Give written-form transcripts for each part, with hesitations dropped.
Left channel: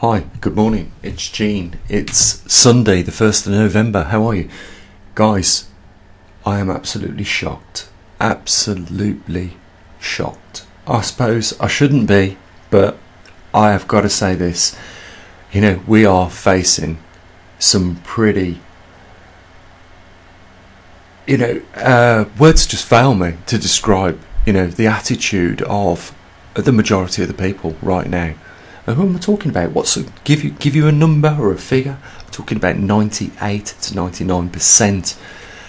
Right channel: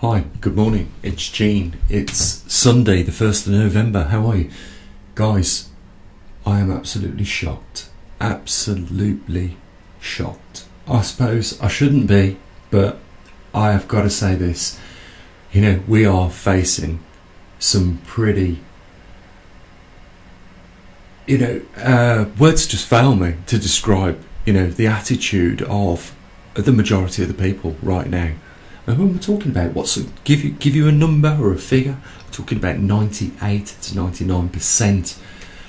Hi, good morning, it's Gene. It's Sunday the 1st of November. How are you? Guys, I am absolutely shocked. Absolutely shocked. I suppose I shouldn't be, but I have got to say this. You know, we are facing some pretty... words just fail me to describe, the attitude of the majority of the people right now. And who am I talking about? Give you a number or a figure? I'm talking about 98 to 99%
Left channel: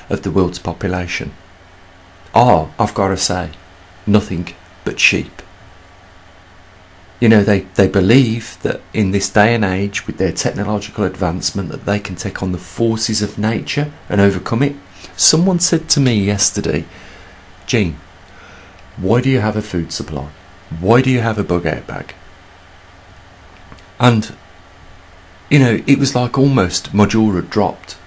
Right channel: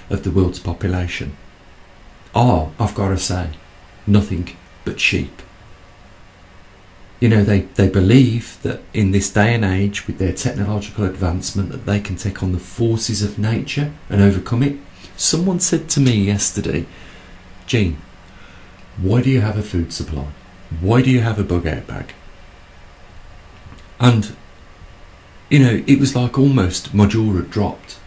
of the world's population are, I've got to say, nothing but sheep. They believe that in this day and age, with their technological advancement, that they can take on the forces of nature and overcome it. Someone said to me yesterday, Gene, why do you have a food supply? Why do you have a bug out bag? And, it was like almost my jaw had dropped.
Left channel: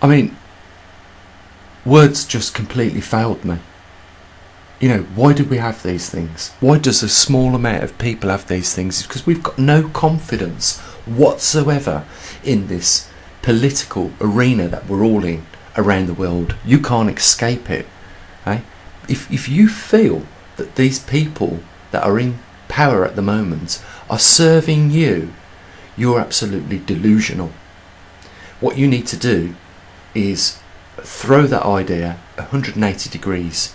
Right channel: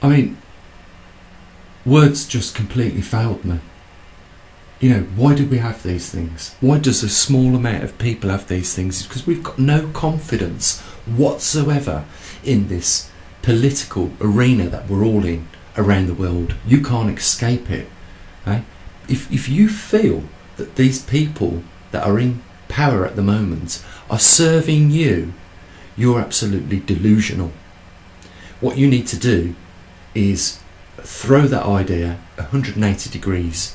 I mean, words just completely failed me. Why do we have these things? Why does a small amount of people have these things? It's because we've got no confidence whatsoever in this political arena that we're all in around the world. You can't escape it. Eh? If you feel that these people that are in power at the moment are serving you, you're absolutely delusional. What you need to do is throw that idea 180 degrees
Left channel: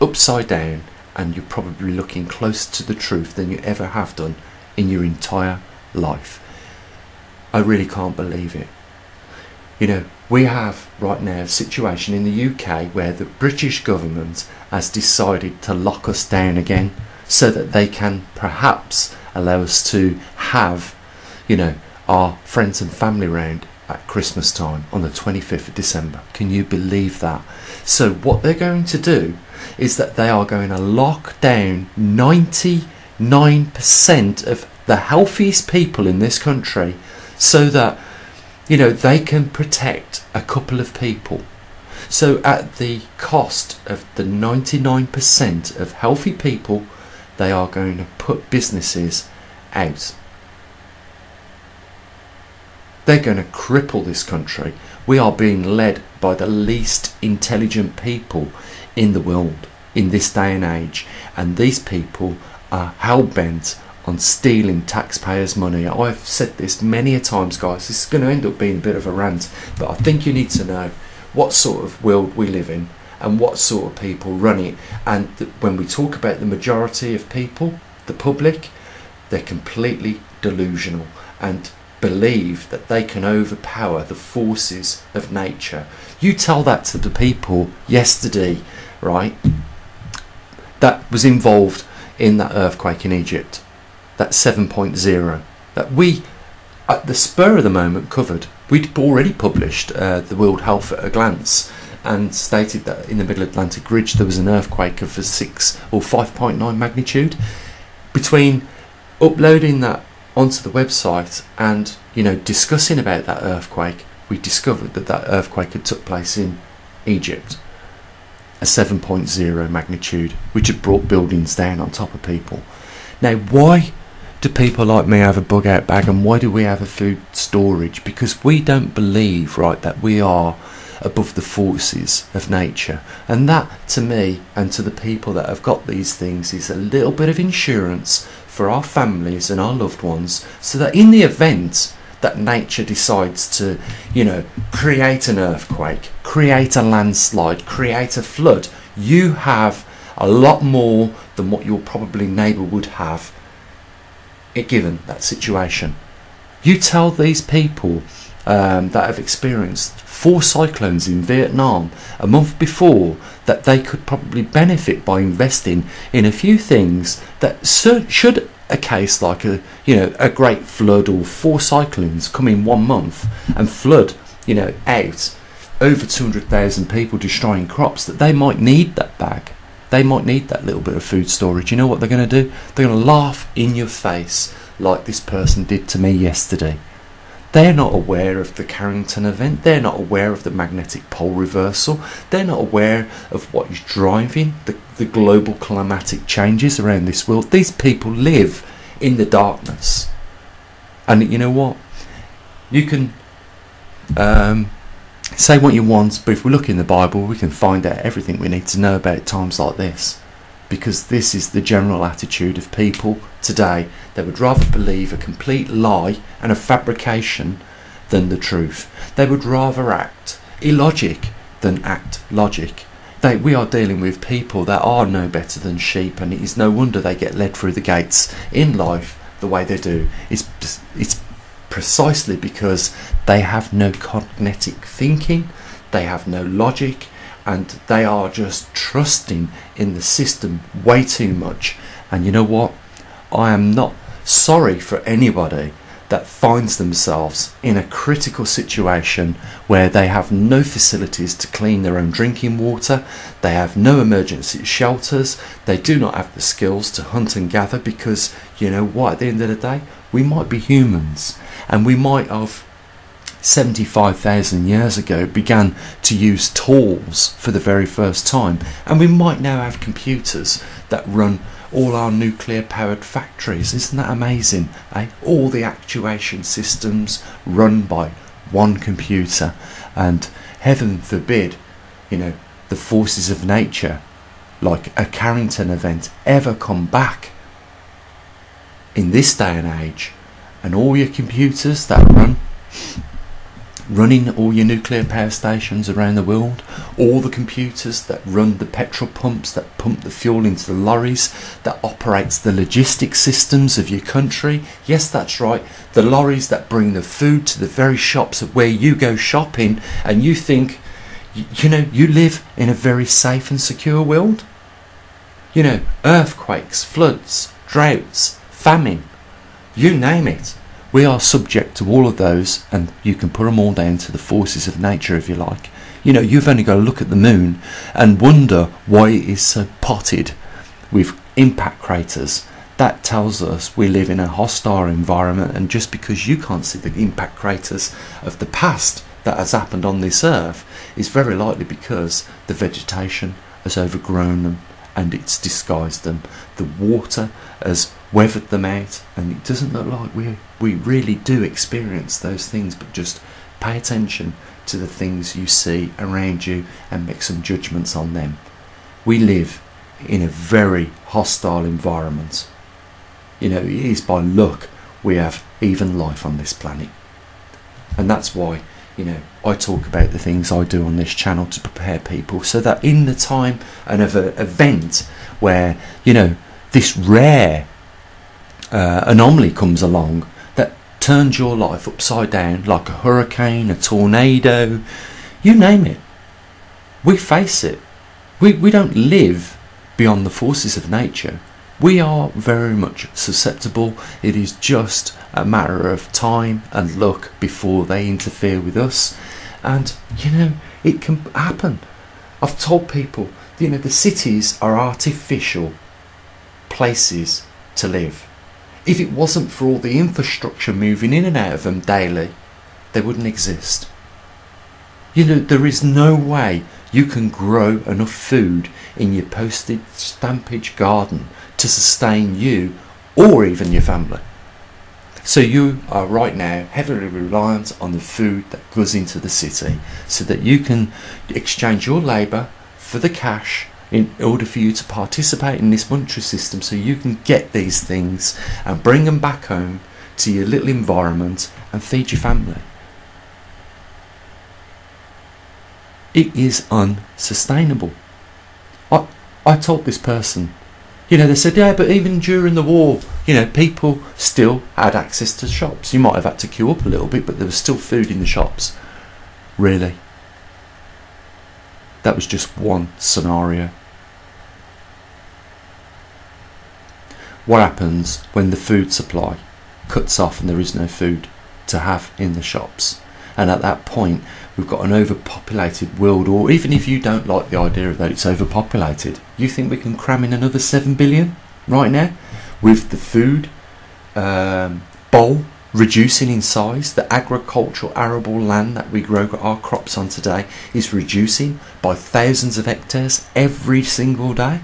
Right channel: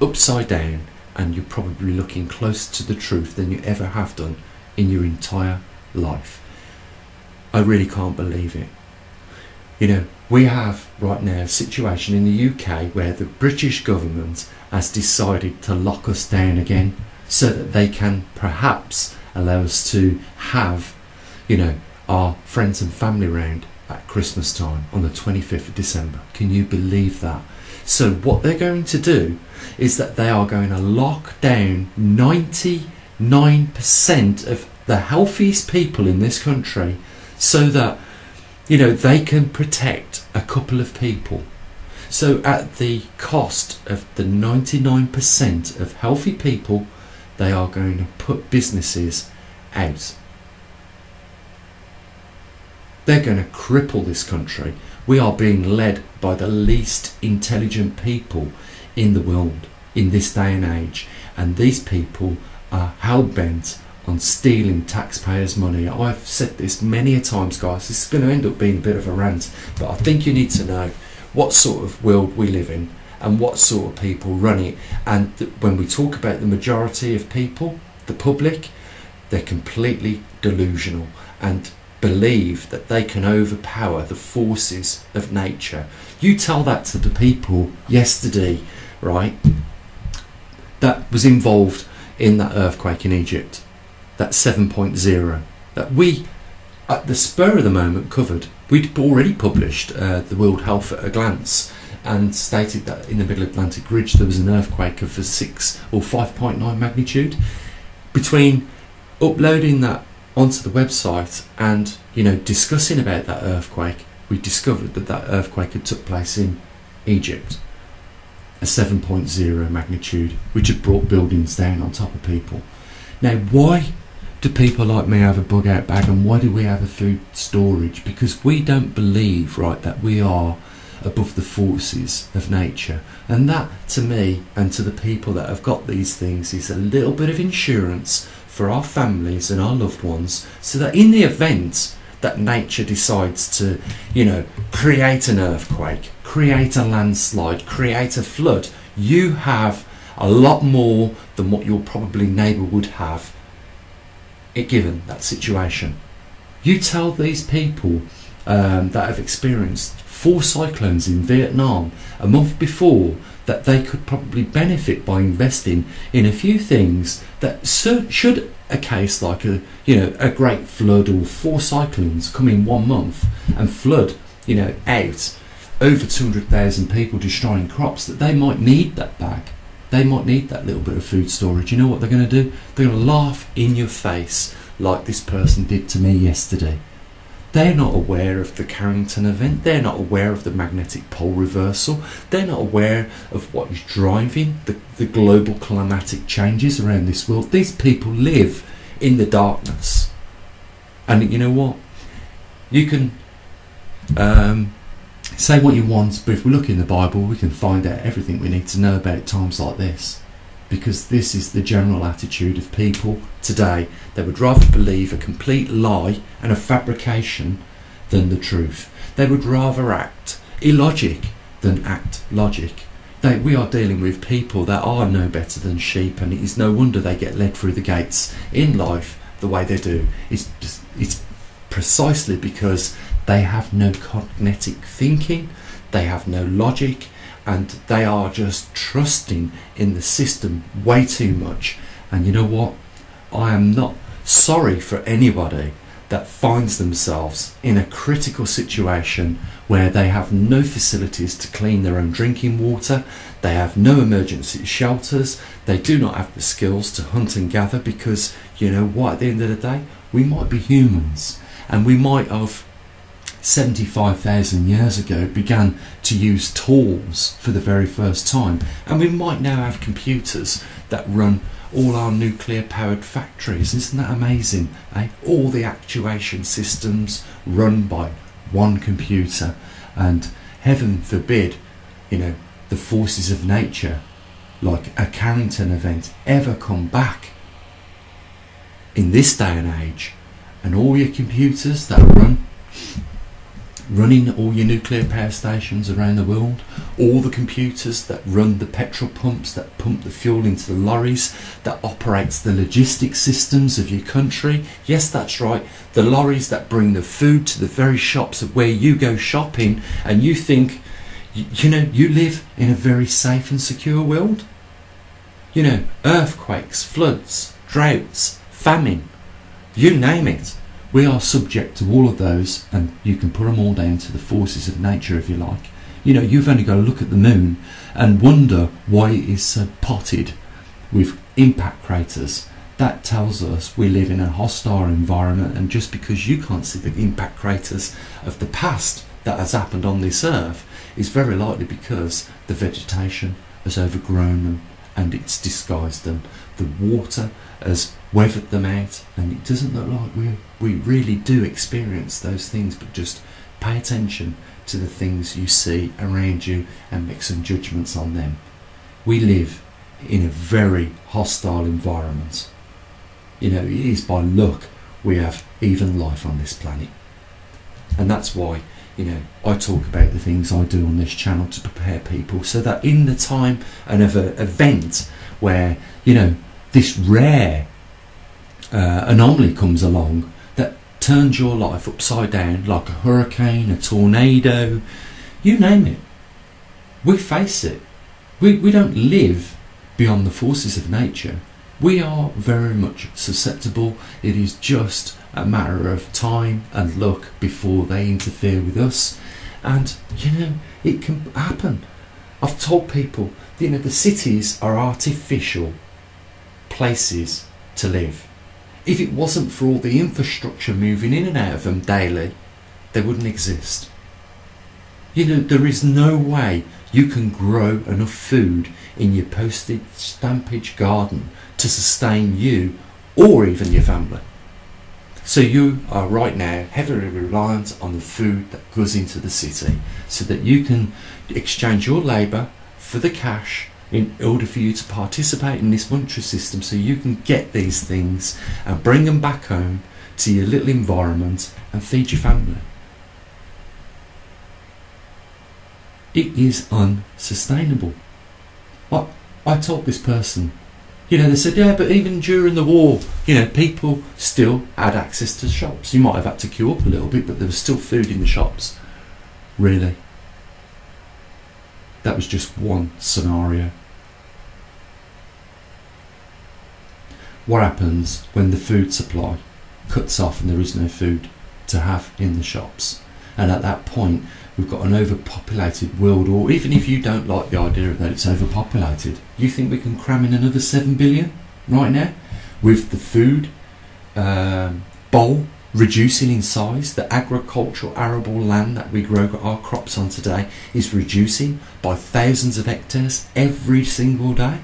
upside down, and you're probably looking closer to the truth than you ever have done in your entire life. I really can't believe it. We have right now a situation in the UK where the British government has decided to lock us down again, so that they can perhaps allow us to have, our friends and family round at Christmas time on the 25th of December. Can you believe that? So what they're going to do is that they are going to lock down 99% of the healthiest people in this country, so that, they can protect a couple of people. So at the cost of the 99% of healthy people, they are going to put businesses out. They're going to cripple this country. We are being led by the least intelligent people in the world in this day and age, and these people are hell-bent on stealing taxpayers' money. I've said this many a times, guys. This is going to end up being a bit of a rant, but I think you need to know what sort of world we live in and what sort of people run it. And when we talk about the majority of people, the public, they're completely delusional and believe that they can overpower the forces of nature. You tell that to the people yesterday, right, that was involved in that earthquake in Egypt, that 7.0, that we, at the spur of the moment, covered. We'd already published the World Health at a Glance, and stated that in the Middle Atlantic Ridge there was an earthquake of a 6 or 5.9 magnitude. Between uploading that onto the website and discussing about that earthquake, we discovered that that earthquake had took place in Egypt, a 7.0 magnitude, which had brought buildings down on top of people. Now, why do people like me have a bug out bag, and why do we have a food storage? Because we don't believe, right, that we are above the forces of nature. And that, to me and to the people that have got these things, is a little bit of insurance for our families and our loved ones, so that in the event that nature decides to, create an earthquake, create a landslide, create a flood, you have a lot more than what your probably neighbour would have, given that situation. You tell these people that have experienced 4 cyclones in Vietnam a month before that they could probably benefit by investing in a few things that should a case like a great flood or 4 cyclones come in 1 month and flood out over 200,000 people, destroying crops, that they might need that bag. They might need that little bit of food storage. You know what they're going to do? They're going to laugh in your face like this person did to me yesterday. They're not aware of the Carrington event. They're not aware of the magnetic pole reversal. They're not aware of what is driving the global climatic changes around this world. These people live in the darkness. And you know what? You can say what you want, but if we look in the Bible, we can find out everything we need to know about times like this. Because this is the general attitude of people today. They would rather believe a complete lie and a fabrication than the truth. They would rather act illogic than act logic. We are dealing with people that are no better than sheep, and it is no wonder they get led through the gates in life the way they do. It's precisely because they have no cognitive thinking, they have no logic, and they are just trusting in the system way too much. And you know what? I am not sorry for anybody that finds themselves in a critical situation where they have no facilities to clean their own drinking water, they have no emergency shelters, they do not have the skills to hunt and gather, because you know what, at the end of the day, we might be humans, and we might have 75,000 years ago began to use tools for the very first time, and we might now have computers that run all our nuclear powered factories. Isn't that amazing, eh? All the actuation systems run by one computer, and heaven forbid, you know, the forces of nature like a Carrington event ever come back in this day and age, and all your computers that running all your nuclear power stations around the world, all the computers that run the petrol pumps that pump the fuel into the lorries, that operates the logistics systems of your country. Yes, that's right, the lorries that bring the food to the very shops where you go shopping, and you think, you know, you live in a very safe and secure world. You know, earthquakes, floods, droughts, famine, you name it. We are subject to all of those, and you can put them all down to the forces of nature if you like. You know, you've only got to look at the moon and wonder why it is so potted with impact craters. That tells us we live in a hostile environment, and just because you can't see the impact craters of the past that has happened on this earth is very likely because the vegetation has overgrown them and it's disguised them. The water has weathered them out, and it doesn't look like we really do experience those things. But just pay attention to the things you see around you and make some judgments on them. We live in a very hostile environment. You know, it is by luck we have even life on this planet, and that's why, you know, I talk about the things I do on this channel to prepare people, so that in the time of an event where, you know, this rare anomaly comes along that turns your life upside down, like a hurricane, a tornado, you name it, we face it. We don't live beyond the forces of nature. We are very much susceptible. It is just a matter of time and luck before they interfere with us. And, you know, it can happen. I've told people, you know, the cities are artificial places to live. If it wasn't for all the infrastructure moving in and out of them daily, they wouldn't exist. You know, there is no way you can grow enough food in your postage stampage garden to sustain you or even your family. So you are right now heavily reliant on the food that goes into the city, so that you can exchange your labour for the cash in order for you to participate in this monetary system, so you can get these things and bring them back home to your little environment and feed your family. It is unsustainable. I told this person, you know, they said, yeah, but even during the war, you know, people still had access to shops. You might have had to queue up a little bit, but there was still food in the shops. Really? That was just one scenario. What happens when the food supply cuts off and there is no food to have in the shops? And at that point, we've got an overpopulated world. Or even if you don't like the idea that it's overpopulated, you think we can cram in another 7 billion right now with the food bowl reducing in size? The agricultural arable land that we grow our crops on today is reducing by thousands of hectares every single day.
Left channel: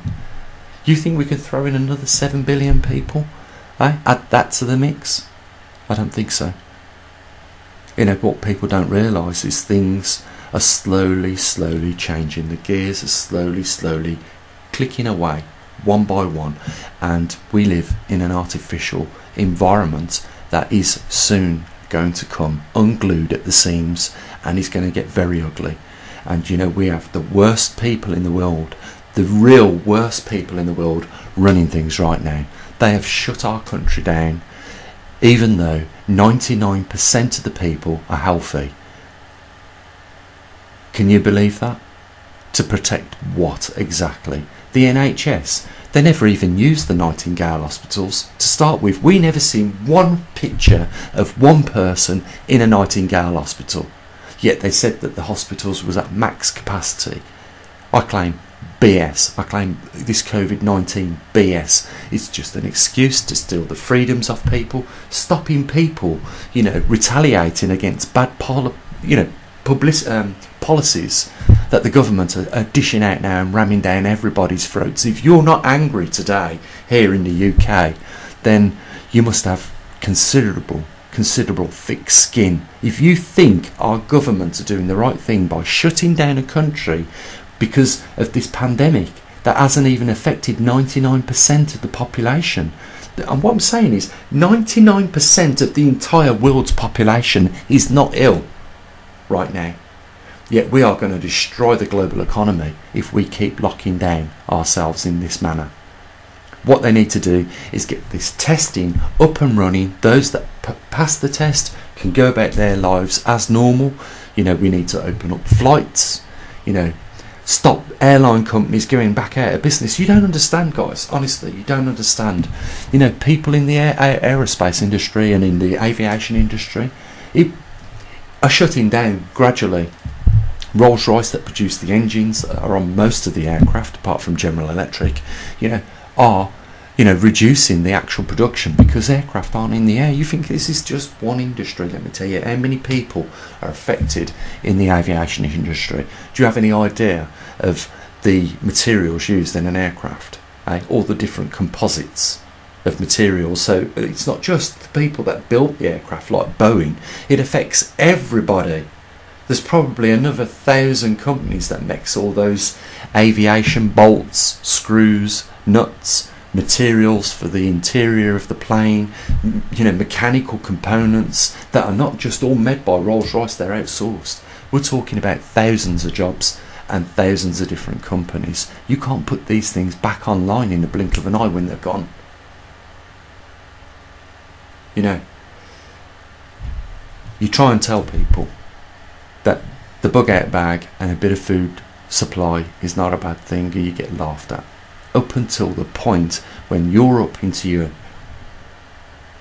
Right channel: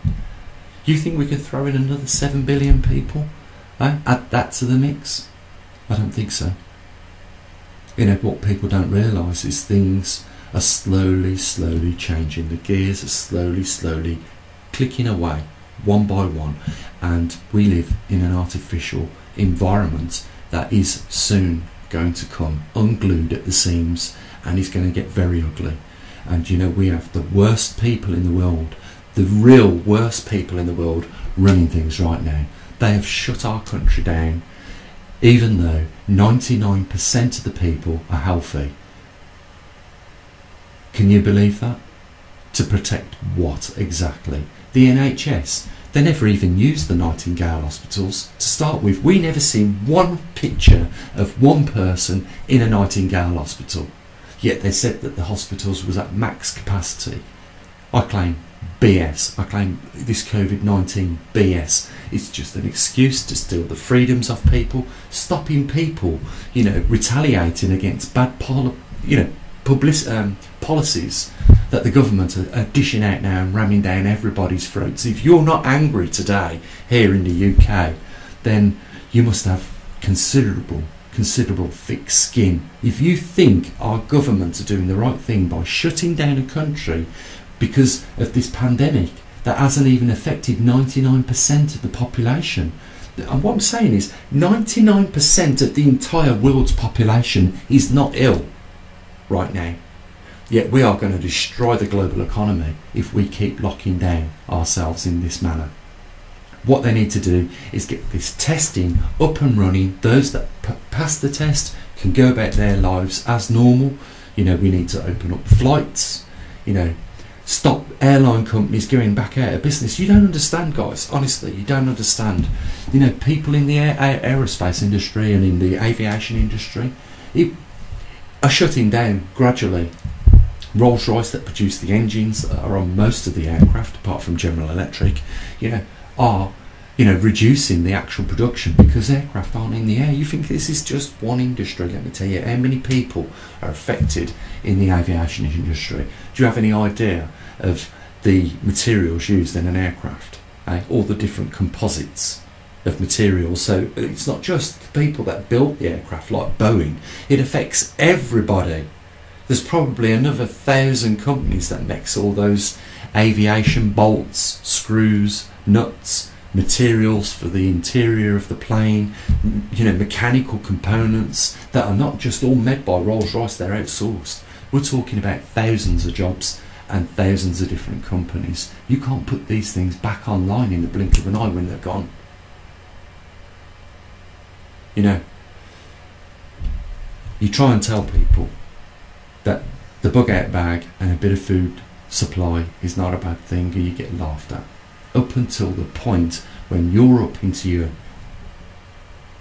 You think we can throw in another 7 billion people Add that to the mix? I don't think so. You know, what people don't realise is things are slowly changing. The gears are slowly clicking away, one by one, and we live in an artificial environment that is soon going to come unglued at the seams, and is going to get very ugly. And you know, we have the worst people in the world, the real worst people in the world running things right now. They have shut our country down, even though 99% of the people are healthy. Can you believe that? To protect what exactly? The NHS. They never even used the Nightingale hospitals to start with. We never seen one picture of one person in a Nightingale hospital. Yet they said that the hospitals was at max capacity. I claim BS. I claim this COVID-19 BS. It's just an excuse to steal the freedoms of people, stopping people, you know, retaliating against bad policies that the government are dishing out now and ramming down everybody's throats. If you're not angry today here in the UK, then you must have considerable thick skin. If you think our government are doing the right thing by shutting down a country because of this pandemic that hasn't even affected 99% of the population, and what I'm saying is 99% of the entire world's population is not ill right now. Yet we are going to destroy the global economy if we keep locking down ourselves in this manner. What they need to do is get this testing up and running. Those that pass the test can go about their lives as normal. You know, we need to open up flights, you know, stop airline companies going back out of business. You don't understand, guys. Honestly, you don't understand. You know, people in the aerospace industry and in the aviation industry are shutting down gradually. Rolls-Royce, that produce the engines that are on most of the aircraft, apart from General Electric, you know, are, you know, reducing the actual production because aircraft aren't in the air. You think this is just one industry? Let me tell you how many people are affected in the aviation industry. Do you have any idea of the materials used in an aircraft? All the different composites of materials. So it's not just the people that built the aircraft like Boeing, it affects everybody. There's probably another 1,000 companies that makes all those aviation bolts, screws, nuts, materials for the interior of the plane, you know, mechanical components that are not just all made by Rolls-Royce, they're outsourced. We're talking about thousands of jobs and thousands of different companies. You can't put these things back online in the blink of an eye when they're gone. You know, you try and tell people that the bug out bag and a bit of food supply is not a bad thing, and you get laughed at, up until the point when you're up into your,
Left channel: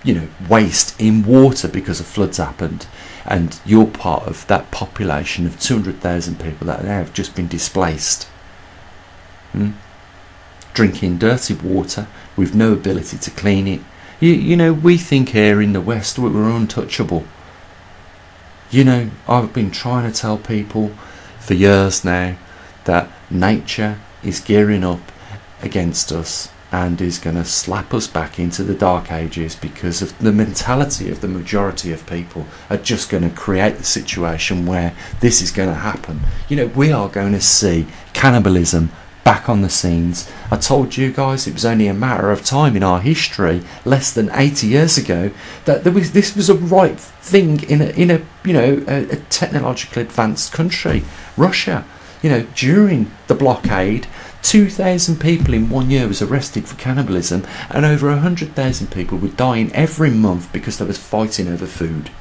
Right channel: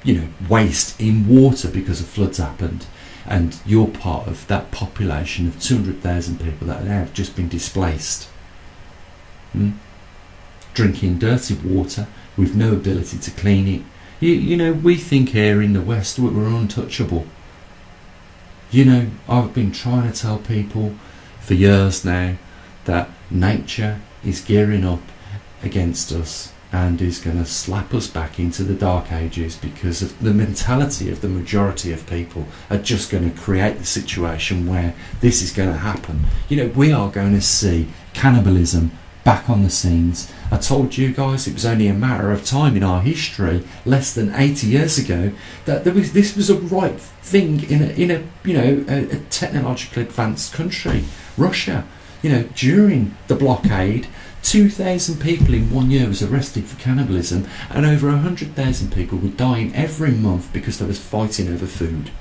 you know, waist in water because of floods happened, and you're part of that population of 200,000 people that have just been displaced, drinking dirty water with no ability to clean it. You know, we think here in the West we're untouchable. You know, I've been trying to tell people for years now that nature is gearing up against us and is going to slap us back into the dark ages because of the mentality of the majority of people are just going to create the situation where this is going to happen. You know, we are going to see cannibalism back on the scenes. I told you guys it was only a matter of time in our history, less than 80 years ago, that this was a right thing in a you know, a technologically advanced country, Russia. You know, during the blockade, 2,000 people in 1 year was arrested for cannibalism, and over 100,000 people were dying every month because they was fighting over food.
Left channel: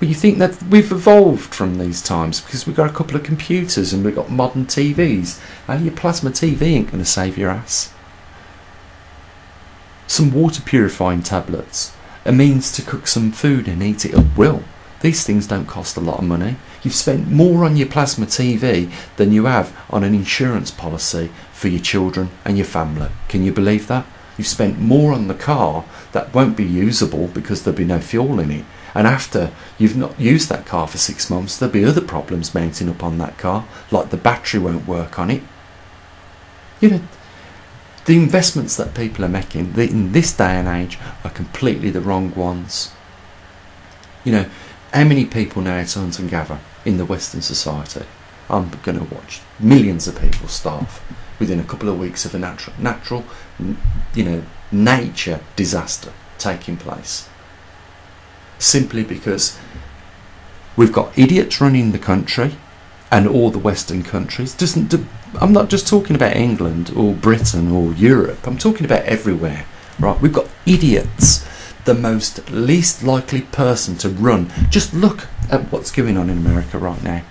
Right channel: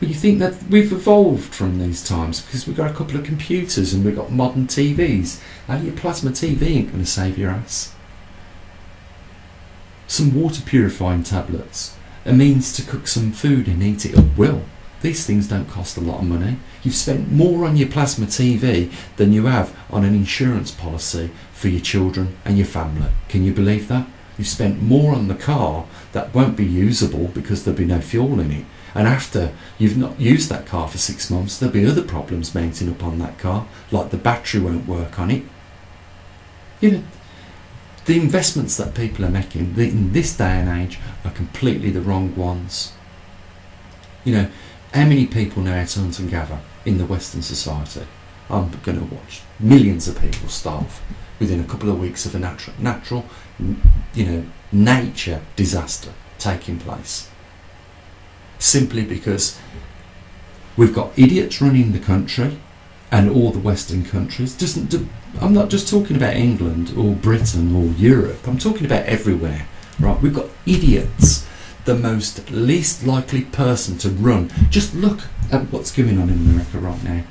But you think that we've evolved from these times because we've got a couple of computers and we've got modern TVs. Your plasma TV ain't going to save your ass. Some water purifying tablets, a means to cook some food and eat it at will. These things don't cost a lot of money. You've spent more on your plasma TV than you have on an insurance policy for your children and your family. Can you believe that? You've spent more on the car that won't be usable because there'll be no fuel in it. And after you've not used that car for 6 months, there'll be other problems mounting up on that car, like the battery won't work on it. You know, The investments that people are making in this day and age are completely the wrong ones. You know, how many people know how to hunt and gather in the Western society? I'm going to watch millions of people starve within a couple of weeks of a natural, you know, nature disaster taking place. Simply because we've got idiots running the country, and all the Western countries. I'm not just talking about England or Britain or Europe. I'm talking about everywhere. Right? We've got idiots. The most least likely person to run. Just look at what's going on in America right now.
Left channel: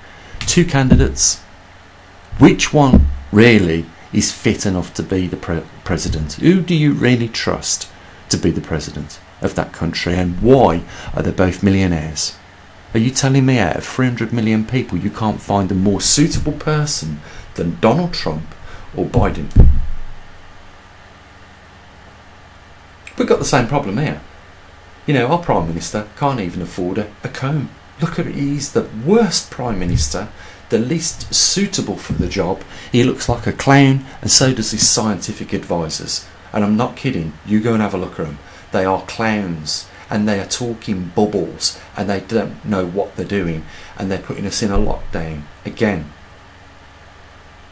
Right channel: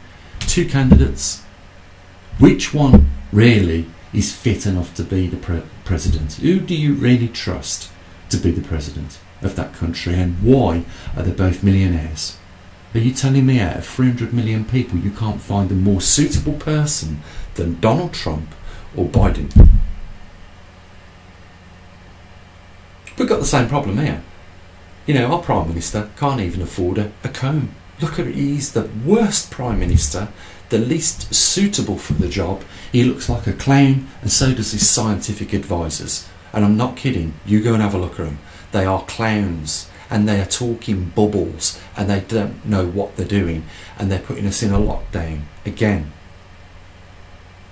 2 candidates. Which one really is fit enough to be the president? Who do you really trust to be the president of that country, and why are they both millionaires? Are you telling me out of 300 million people you can't find a more suitable person than Donald Trump or Biden? We've got the same problem here. You know, our Prime Minister can't even afford a comb. Look at it, he's the worst Prime Minister, the least suitable for the job. He looks like a clown, and so does his scientific advisors. And I'm not kidding, you go and have a look at them. They are clowns, and they are talking bubbles, and they don't know what they're doing, and they're putting us in a lockdown again.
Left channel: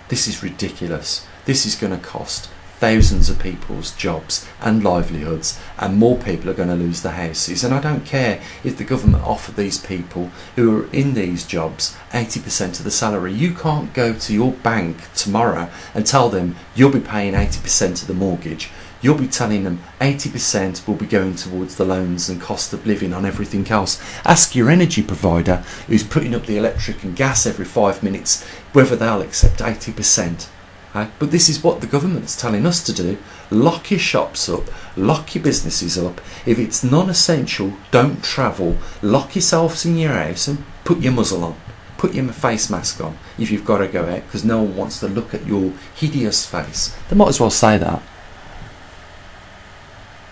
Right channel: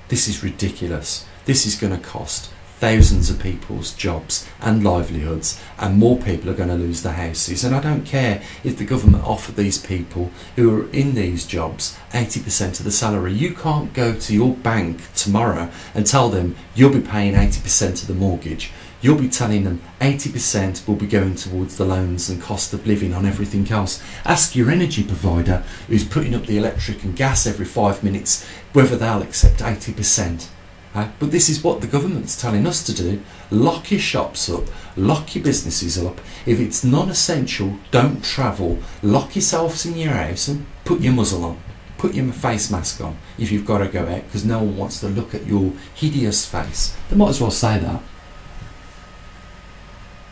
This is ridiculous. This is going to cost thousands of people's jobs and livelihoods, and more people are going to lose their houses. And I don't care if the government offer these people who are in these jobs 80% of the salary. You can't go to your bank tomorrow and tell them you'll be paying 80% of the mortgage. You'll be telling them 80% will be going towards the loans and cost of living on everything else. Ask your energy provider, who's putting up the electric and gas every 5 minutes, whether they'll accept 80%. But this is what the government's telling us to do. Lock your shops up, lock your businesses up. If it's non-essential, don't travel. Lock yourselves in your house and put your muzzle on. Put your face mask on if you've got to go out, because no one wants to look at your hideous face. They might as well say that.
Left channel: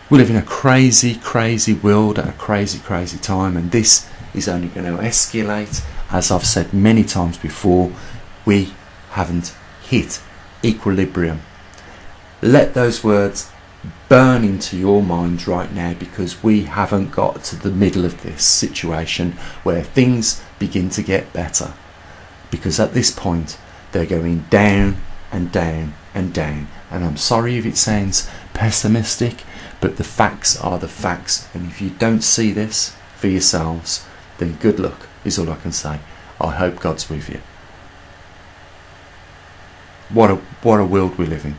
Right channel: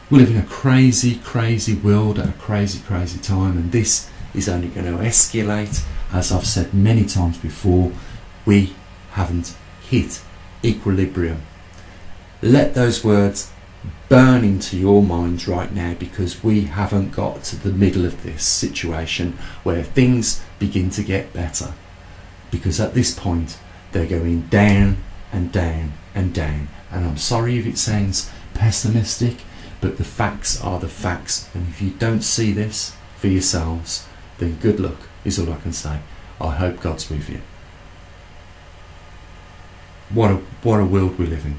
We live in a crazy, crazy world at a crazy, crazy time, and this is only going to escalate. As I've said many times before, we haven't hit equilibrium. Let those words burn into your minds right now, because we haven't got to the middle of this situation where things begin to get better. Because at this point, they're going down and down and down. And I'm sorry if it sounds pessimistic, but the facts are the facts, and if you don't see this for yourselves, then good luck is all I can say. I hope God's with you. What a world we live in.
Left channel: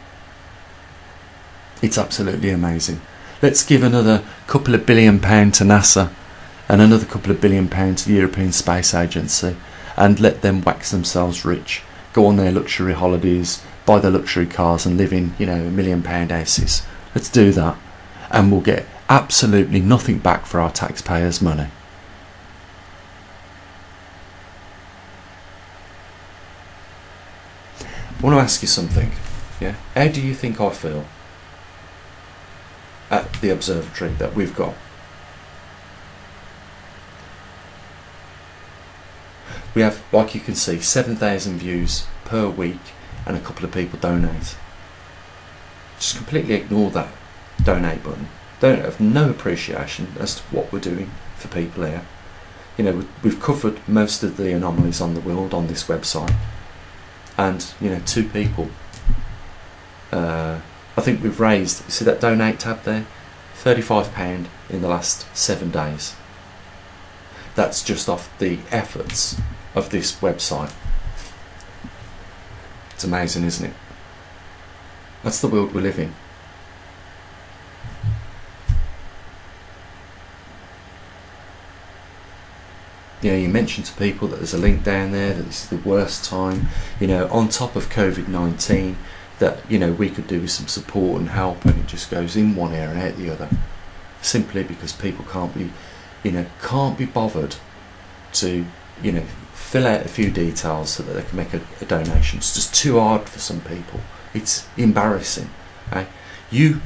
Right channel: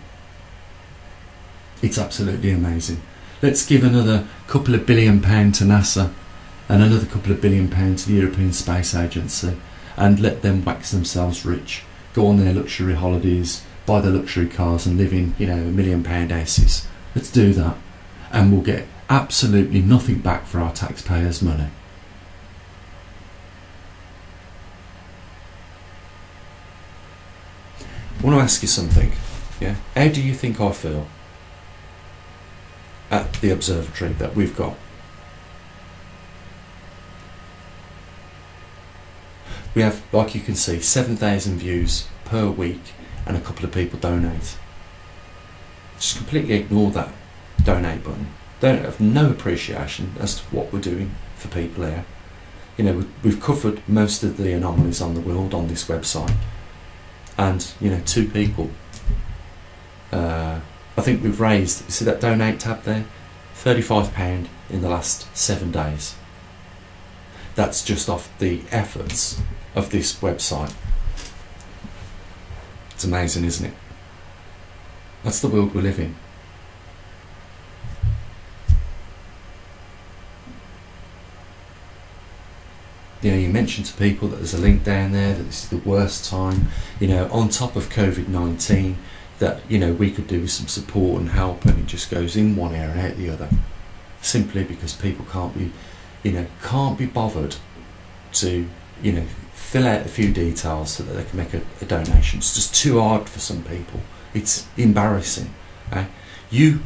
It's absolutely amazing. Let's give another couple of £1 billion to NASA and another couple of £1 billion to the European Space Agency, and let them wax themselves rich, go on their luxury holidays, buy the luxury cars and live in, you know, £1 million houses. Let's do that, and we'll get absolutely nothing back for our taxpayers' money. I want to ask you something. Yeah, how do you think I feel at the observatory that we've got? We have, like you can see, 7,000 views per week, and a couple of people donate. Just completely ignore that donate button. They don't have no appreciation as to what we're doing for people here. You know, we've covered most of the anomalies on the world on this website, and you know, 2 people. I think we've raised, you see that donate tab there, £35 in the last 7 days. That's just off the efforts of this website. It's amazing, isn't it? That's the world we live in. You know, you mention to people that there's a link down there, that this is the worst time, you know, on top of COVID-19, that, you know, we could do with some support and help, and it just goes in one ear and out the other. Simply because people can't be, you know, can't be bothered to, you know, fill out a few details so that they can make a donation. It's just too hard for some people. It's embarrassing. Okay? You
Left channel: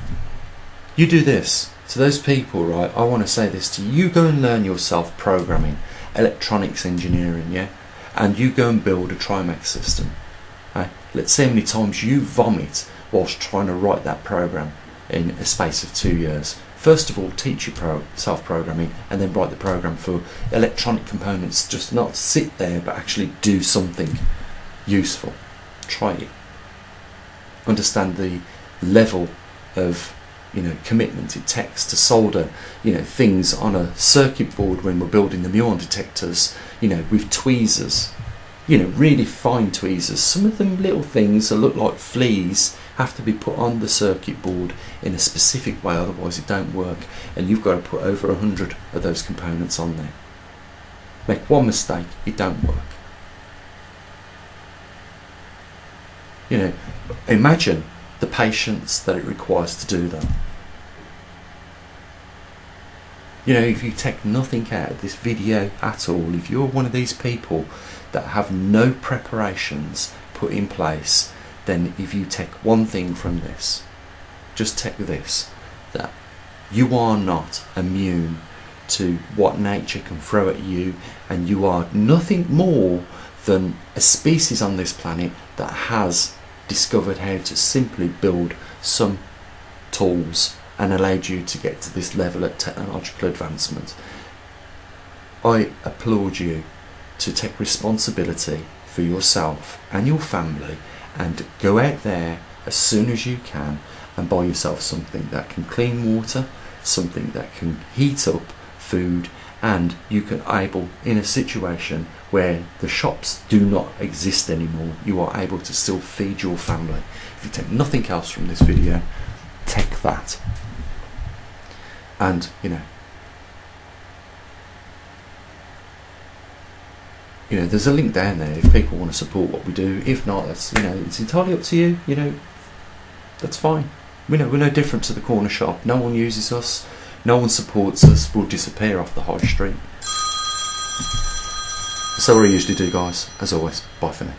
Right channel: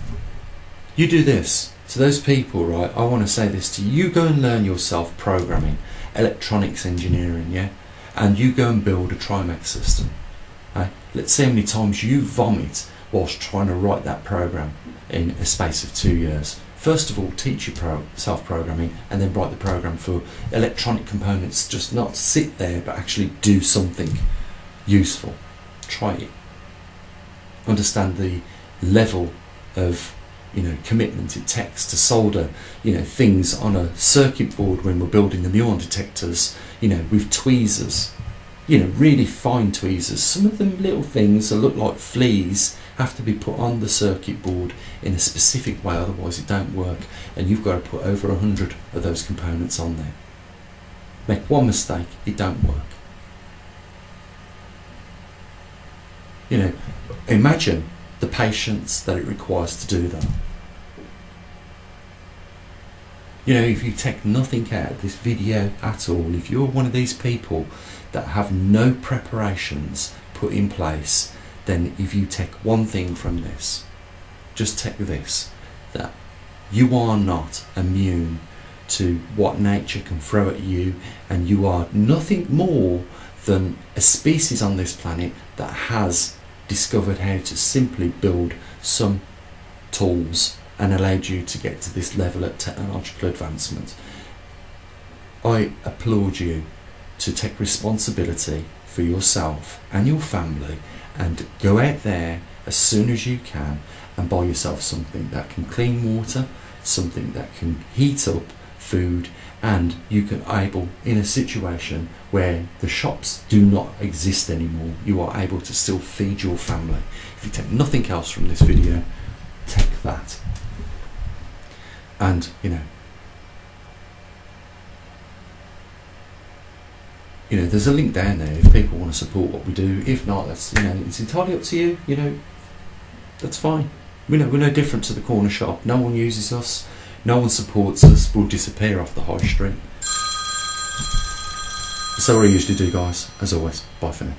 do this to those people, right? I want to say this to you. You go and learn yourself programming, electronics engineering, yeah? And you go and build a Trimax system. Okay? Let's see how many times you vomit whilst trying to write that program in a space of 2 years. First of all, teach yourself programming, and then write the program for electronic components. Just not sit there, but actually do something useful. Try it. Understand the level of commitment it takes to solder things on a circuit board when we're building the muon detectors, with tweezers, really fine tweezers. Some of them little things that look like fleas have to be put on the circuit board in a specific way, otherwise it don't work, and you've got to put over 100 of those components on there. Make one mistake, it don't work. Imagine the patience that it requires to do that. If you take nothing out of this video at all, if you're one of these people that have no preparations put in place, then if you take one thing from this, just take this, that you are not immune to what nature can throw at you, and you are nothing more than a species on this planet that has discovered how to simply build some tools and allowed you to get to this level of technological advancement. I applaud you to take responsibility for yourself and your family, and go out there as soon as you can and buy yourself something that can clean water, something that can heat up food, and you can able, in a situation where the shops do not exist anymore, you are able to still feed your family. If you take nothing else from this video, take that. And there's a link down there if people want to support what we do. If not, that's it's entirely up to you. That's fine. We're no different to the corner shop. No one uses us, no one supports us. We'll disappear off the high street. So what I usually do, guys, as always, bye for now.